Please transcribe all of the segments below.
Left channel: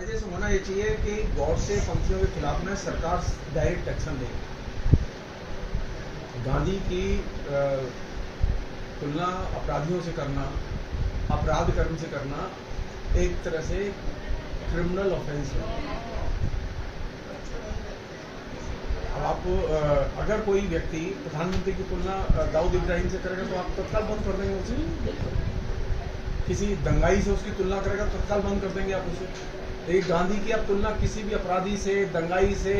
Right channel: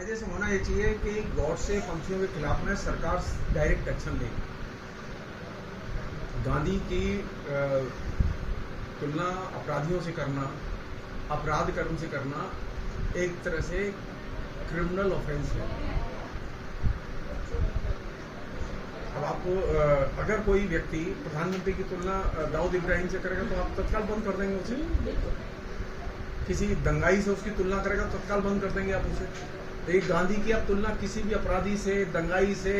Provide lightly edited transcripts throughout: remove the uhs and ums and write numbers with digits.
कायदे से होना ये चाहिए कि गौडसे पंथियों के खिलाफ में सरकार डायरेक्ट एक्शन ले। गांधी की तुलना अपराधियों से करना, अपराध कर्म से करना एक तरह से क्रिमिनल ऑफेंस है। अब आप अगर कोई व्यक्ति प्रधानमंत्री की तुलना दाऊद इब्राहिम से करेगा तो आप तत्काल बंद कर देंगे उसे। किसी दंगाई से उसकी तुलना करेगा तो तत्काल बंद कर देंगे आप उसे। लेकिन गांधी की आप तुलना किसी भी अपराधी से, दंगाई से,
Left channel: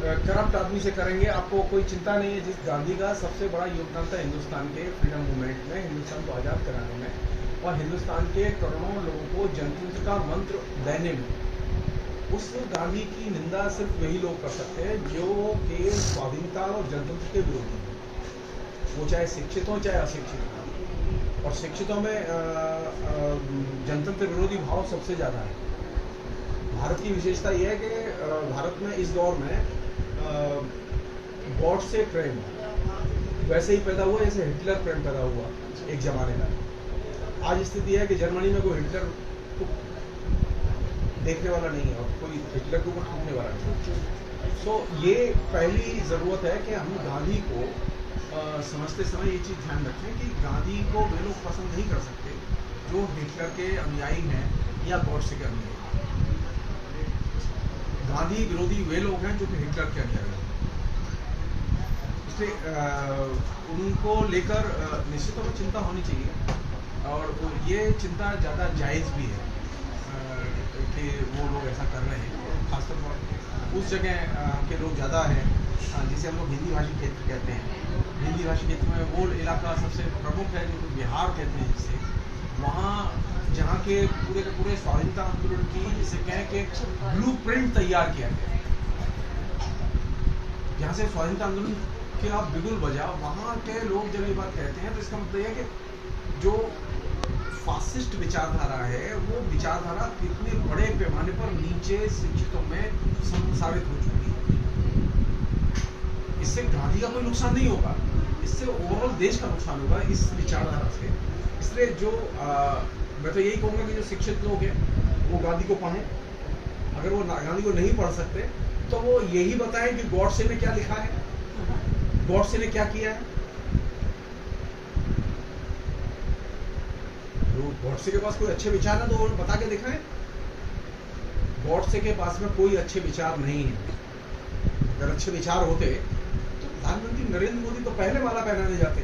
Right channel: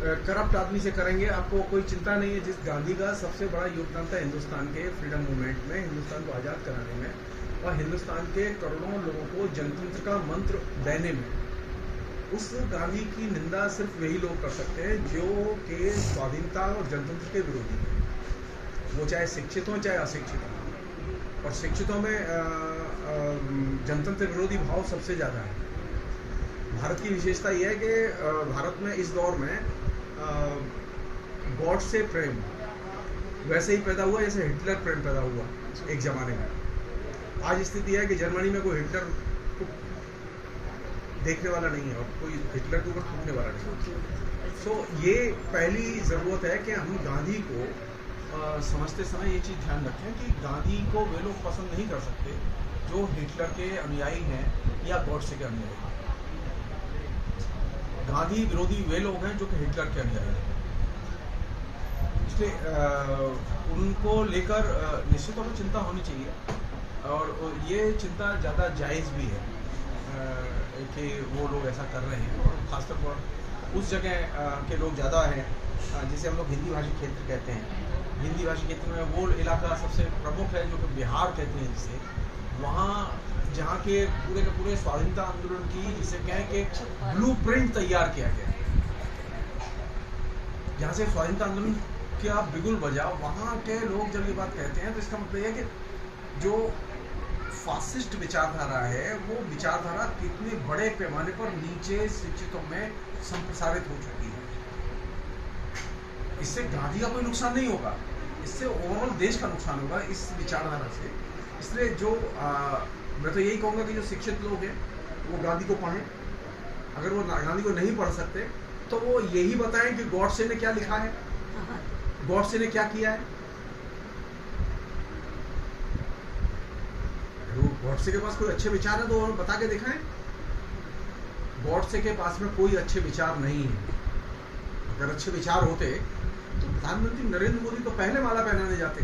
करप्ट आदमी से करेंगे, आपको कोई चिंता नहीं है। जिस गांधी का सबसे बड़ा योगदान था हिंदुस्तान के फ्रीडम मूवमेंट में, हिंदुस्तान को आज़ाद कराने में और हिंदुस्तान के करोड़ों लोगों को जनतंत्र का मंत्र देने में, उस गांधी की निंदा सिर्फ वही लोग कर सकते हैं जो कि स्वाधीनता और जनतंत्र के विरोधी हैं। वो चाहे शिक्षित हो चाहे अशिक्षित हो। और शिक्षितों में जनतंत्र विरोधी भाव सबसे ज़्यादा है। भारत की विशेषता यह है कि भारत में इस दौर में गॉड से प्रेम वैसे ही पैदा हुआ जैसे हिटलर प्रेम पैदा हुआ एक जमाने में। आज स्थिति है कि जर्मनी में कोई हिटलर को देखने वाला नहीं है और कोई हिटलर के ऊपर थूकने वाला नहीं है। सो ये पहली ज़रूरत है कि हम गांधी को समझते समय ये चीज़ ध्यान रखें कि गांधी को वे लोग पसंद नहीं कर सकते जो हिटलर के अनुयायी हैं या गॉडसे के अनुयायी हैं। गांधी विरोधी वे लोग हैं जो कि हिटलर के अनुयायी हैं। इसलिए उनको लेकर निश्चित तौर पर चिंता होनी चाहिए और ये चिंता ज़्यादा जायज़ भी है कि वो लोग ऐसा कर रहे हैं। और खासतौर पर उस जगह के लोग ज़्यादा हैं जिसे हम लोग हिंदी भाषी क्षेत्र कहते हैं। हिंदी भाषी क्षेत्र में वो इलाका सबसे प्रमुख है जो कि बिहार कहते हैं जिसे, वहाँ जहाँ के पूरे स्वाधीनता आंदोलन की जिसे कहें कि ब्लूप्रिंट तैयार किया गया, जहाँ से स्वाधीनता आंदोलन का बिगुल बजा, वहाँ के लोग जब ये बात कहते हैं तो इसका मतलब यह कि जो फासिस्ट विचारधारा है वो विचारधारा कितने बड़े पैमाने पर नीचे शिक्षितों में संप्रसारित हो चुकी है। इससे गांधी का कोई नुकसान नहीं होगा, इससे ओवरऑल देश का नुकसान होगा इस विचारधारा से। इसलिए जो मैं तो यही कहूँगा कि जो शिक्षित लोग हैं वो गांधी को पढ़ें। अगर वो गांधी को नहीं पढ़ सकते तो वो यही बताएं कि गॉडसे ने क्या लिखा है, गॉडसे ने क्या किया है। गॉडसे के पास कोई अच्छे विचार है तो वो बता के दिखाएं। गॉडसे के पास में कोई अच्छे विचार नहीं है। अगर अच्छे विचार होते तो प्रधानमंत्री नरेंद्र मोदी तो पहले माला पहनाने जाते,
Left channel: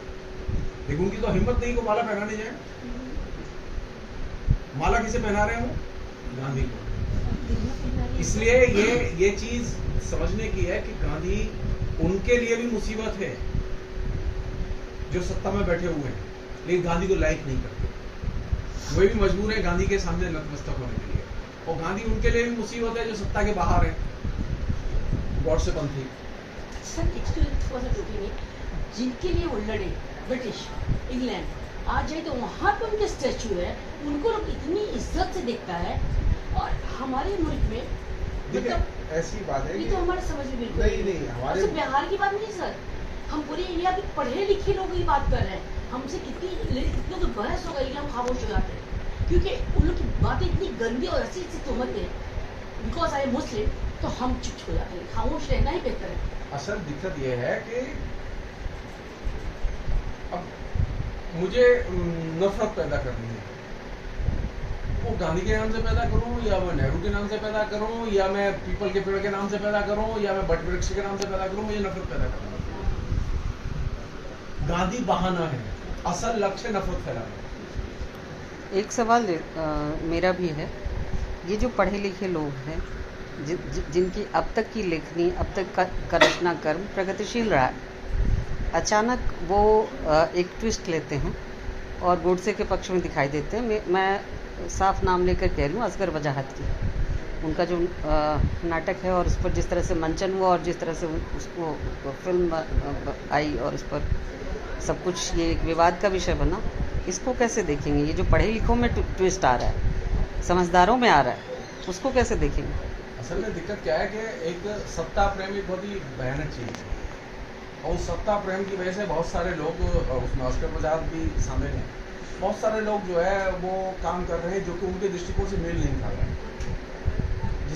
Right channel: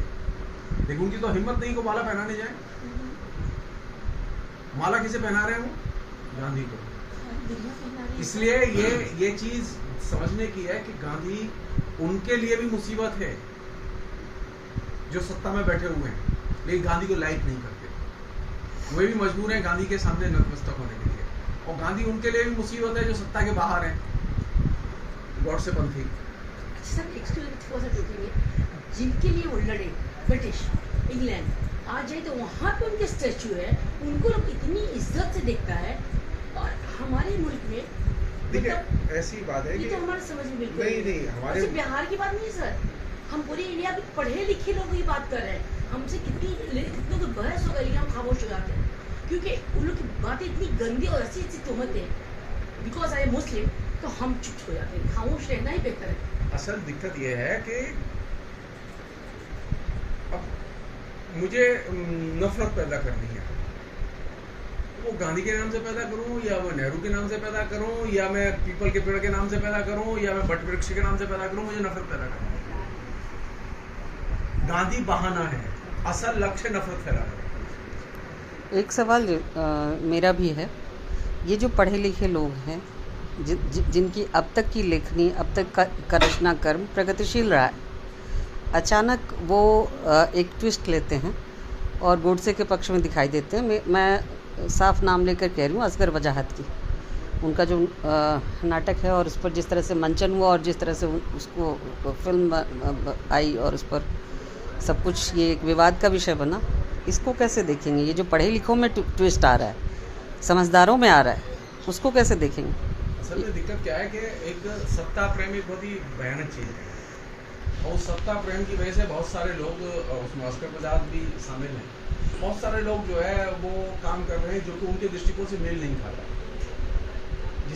लेकिन उनकी तो हिम्मत नहीं को माला पहनाने जाए। माला किसे पहना रहे हैं वो? गांधी को। इसलिए ये चीज समझने की है कि गांधी उनके लिए भी मुसीबत है जो सत्ता में बैठे हुए हैं, लेकिन गांधी को लाइक नहीं करते। वे भी मजबूर हैं गांधी के सामने नतमस्तक होने के लिए। और गांधी उनके लिए भी मुसीबत है जो सत्ता के बाहर है, गॉडसे पंथी। जिनके लिए वो लड़े, ब्रिटिश, इंग्लैंड, आज जाए तो वहाँ पे उनके स्टैचू है, उनको लोग इतनी इज्जत से देखता है। और हमारे मुल्क में मतलब ऐसी बात है ये तो हमारे समझ में बिल्कुल नहीं हमारे अच्छा, बिहार की बात नहीं सर, हम पूरे इंडिया के पढ़े लिखे लोग की बात कर रहे हैं। हमसे कितनी तो बहस हो गई, हम खामोश हो जाते हैं क्योंकि उन लोग की बातें इतनी गंदी और ऐसी तोहमत है। बिकॉज आई एम मुस्लिम तो हम चुप हो जाते हैं, खामोश रहना ही बेहतर है। असल दिक्कत यह है कि अब मुझे नफरत पैदा करनी है, वो गांधी के नाम से पैदा करूं या मैं नेहरू के नाम से पैदा करूं या मैं पीपल के पेड़ के नाम से पैदा करूं या मैं बट वृक्ष के नाम से पैदा करूं, मुझे नफरत पैदा करनी है। गांधी बहाना है, असल लक्ष्य नफरत फैलाना है। एक सवाल मेरा भी है, ये जो पढ़े लिखे लोग हैं जिनकी अब तक की लेखनी, अब तक का रचना कर्म प्रगतिशील रहा है, अचानक वो एक ट्विस्ट लेते हैं और गोडसे के पक्ष में दिखाई देते हैं। मैं साफ नाम लेकर कह रही हूँ, असगर वजाहत की। उनका जो नाटक है और उस पर जिस तरह से मंचन हुआ और जिस तरह से उसको फिल्म आई और उस पर सब कुछ ये एक विवाद का विषय बना, इसको कैसे देखेंगे? ये जो पढ़े लिखों में ट्विस्ट आ रहा है, समझदारों में आ रहा है, उसको कैसे देखेंगे? असल में दिक्कत क्या है कि एक सत्ता प्रेम एक बहुत ही भयानक चीज़ है और उस सत्ता प्रेम की वजह से बहुत सारे लोग, उसमें असगर वजाहत भी शामिल हैं, बहुत सारे लोग जो है वो काम कर रहे हैं जो कि उनके दृष्टिकोण से मेल नहीं खा रहे हैं।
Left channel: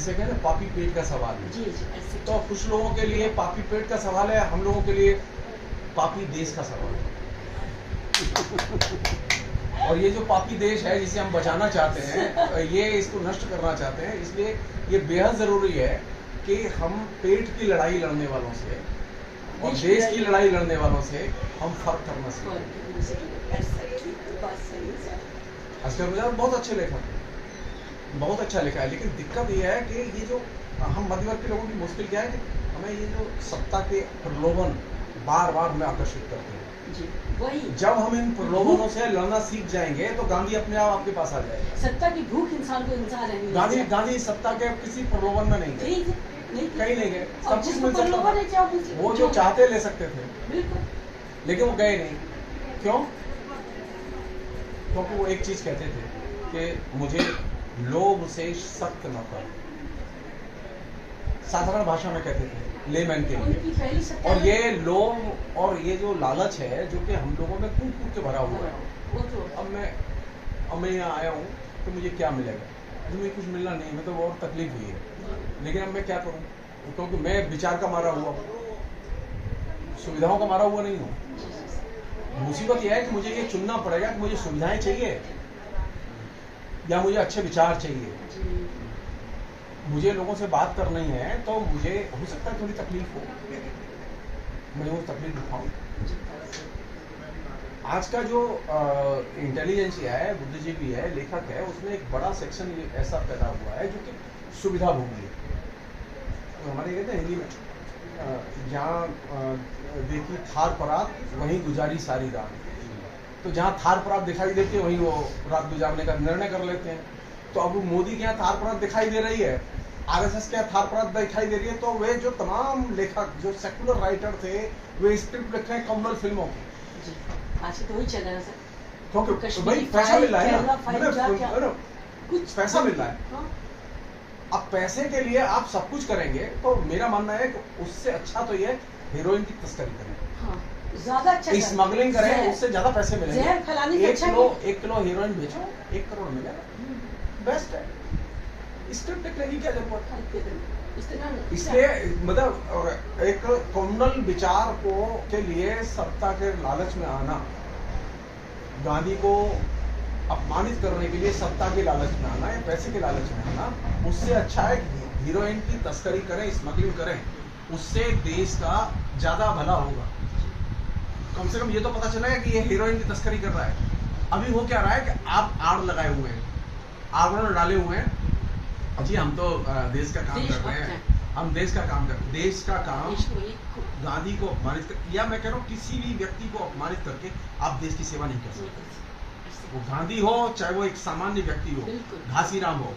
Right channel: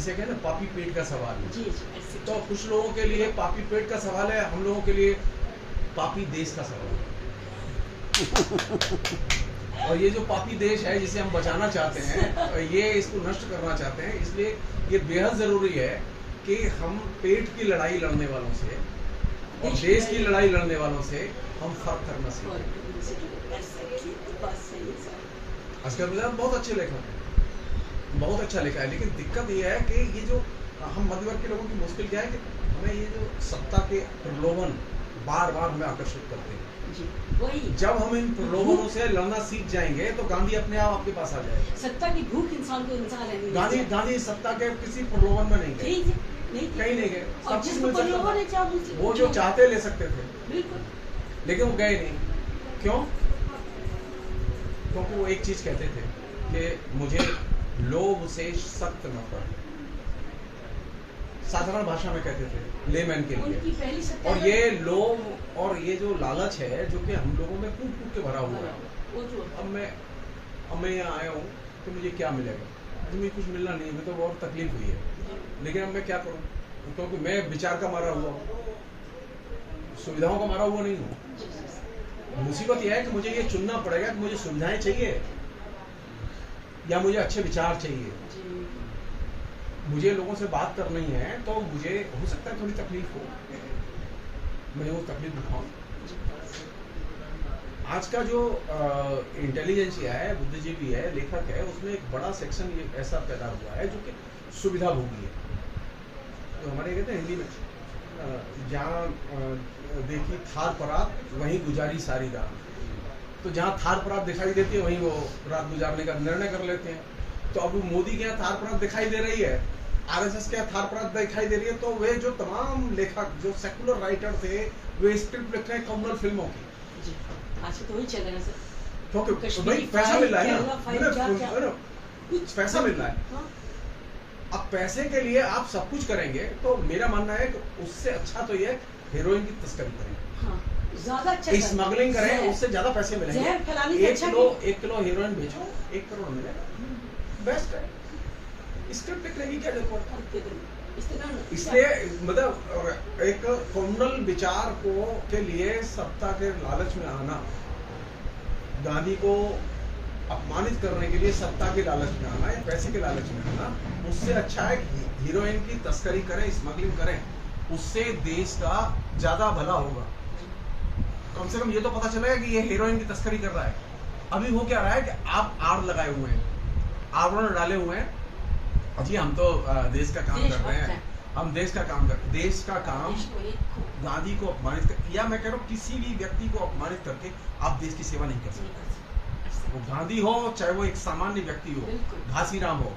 जिसे कहते हैं पापी पेट का सवाल है। जी जी ऐसे तो कुछ लोगों के लिए पापी पेट का सवाल है, हम लोगों के लिए पापी देश का सवाल है। और ये जो पापी देश है जिसे हम बचाना चाहते हैं, ये इसको नष्ट करना चाहते हैं, इसलिए ये बेहद जरूरी है कि हम पेट की लड़ाई लड़ने वालों से और देश की लड़ाई लड़ने वालों से हम फर्क करना सीखें। अस्कर बजाज बहुत अच्छे लेखक हैं, बहुत अच्छा लिखा है, लेकिन दिक्कत ये है कि ये जो हम मध्यवर्ग के लोगों की मुश्किल क्या है कि हमें ये जो सत्ता के प्रलोभन बार बार हमें आकर्षित करते हैं। जी वही जब हम इन प्रलोभनों से लड़ना सीख जाएंगे तो गांधी अपने आप आपके पास आ जाएगा। सत्ता की भूख इंसान को इंसान रहने गांधी गांधी सत्ता के किसी प्रलोभन में नहीं गए, कहीं नहीं गए, सब कुछ मिल सकता था। वो जो चाहते ले सकते थे, बिल्कुल, लेकिन वो गए नहीं। क्यों? क्योंकि वो एक चीज कहते थे कि मुझे लोभ से सख्त नफरत, साधारण भाषा में कहते थे, लेमैन के उनकी लिए। पहली सत्ता और में- ये लोभ और ये जो लालच है जो कि हम लोगों में कूट कूट के भरा हुआ है। वो तो अब मैं यहाँ आया हूँ तो मुझे क्या मिलेगा? मुझे कुछ मिलना नहीं, मैं तो बहुत तकलीफ हुई है, लेकिन अब मैं क्या करूँ? क्योंकि मैं विचार का मारा हुआ हूँ, सुविधाओं का मारा हुआ नहीं हूँ। मुसीबत यह है कि मुझे ये चुनना पड़ेगा कि मुझे सुविधाएं चाहिए या मुझे अच्छे विचार चाहिए। जी मुझे लोगों से बात करनी है तो मुझे हो सकता है थोड़ी तकलीफ हो, मैं वो तकलीफ उठाऊं। आज का जो इंटेलिजेंसिया है, बुद्धिजीवी है, लेखक है, उसमें एक बड़ा सेक्शन ये ऐसा पैदा हुआ है जो कि सुविधा भोगी है। तो हमारे कहते हैं हिंदी में जहाँ देखी थार परात वहीं गुजारी सारी रात। तो जहाँ थार परात दिखाई देती है वहीं वो रात गुजारने का निर्णय कर लेते हैं। तो अब मोदी के यहाँ थार परात दिखाई दे रही है, आरएसएस के यहाँ थार परात दिखाई दे रही है, तो वे जो तमाम लेखक जो सेकुलर राइटर थे वे स्क्रिप्ट लिख रहे हैं कम्युनल फिल्मों की। जी आज तो वही चल रहा है सर। क्योंकि कश्मीरी भाई पैसा मिल रहा है केरला ना, फाइल क्या कुछ पैसा मिल रहा है। हाँ? अब पैसे के लिए आप सब कुछ करेंगे तो मेरा मानना है कि उससे अच्छा तो ये हीरोइन की तस्करी करें, हाँ, ज्यादा अच्छा सर। स्मगलिंग करें, जहर- उससे ज्यादा पैसे मिलेंगे। जहर फैलाने से अच्छा है। 1 किलो हीरोइन बेचो 1 करोड़ मिलेगा, बेस्ट है। स्क्रिप्ट लिखने की क्या जरूरत है? इसलिए मतलब एक कम्युनल विचार को के लिए सत्ता के लालच में आना, गांधी को अपमानित करने के लिए सत्ता के लालच में आना या पैसे के लालच में आना, उससे अच्छा है कि हीरोइन की तस्करी करें, स्मगलिंग करें, उससे देश का ज्यादा भला होगा। कम से कम ये तो पता चलेगा कि ये हीरोइन की तस्करी कर रहा है। अभी वो क्या रहा है कि आप आड़ लगाए हुए हैं, आवरण डाले हुए हैं, जी हम तो देश का काम कर रहे हैं, हम देश का काम कर, देश का काम गांधी को अपमानित कर, या मैं कह रहा हूँ किसी भी व्यक्ति को अपमानित करके आप देश की सेवा नहीं कर सकते। वो गांधी हो चाहे वो एक सामान्य व्यक्ति हो, घासीराम हो।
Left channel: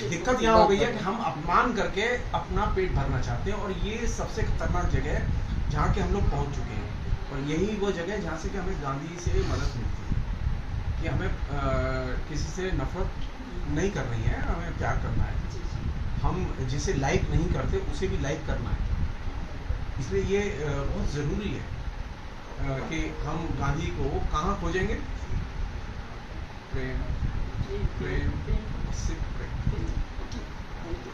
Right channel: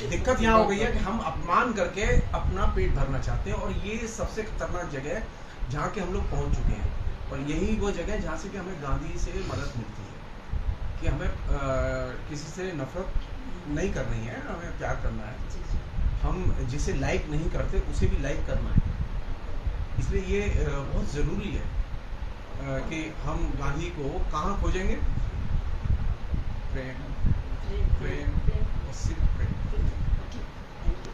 दिक्कत यहाँ हो गई है कि हम अपमान करके अपना पेट भरना चाहते हैं, और ये सबसे खतरनाक जगह है जहाँ के हम लोग पहुंच चुके हैं। और यही वो जगह है जहाँ से कि हमें गांधी से मदद मिलती है कि हमें किसी से नफरत नहीं करनी है, हमें प्यार करना है। हम जिसे लाइक नहीं करते उसे भी लाइक करना है। इसलिए ये बहुत ज़रूरी है कि हम गांधी को कहाँ खोजेंगे? प्रेम, प्रेम, सिर्फ प्रेम।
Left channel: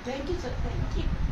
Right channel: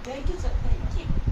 Thank you sir, thank you.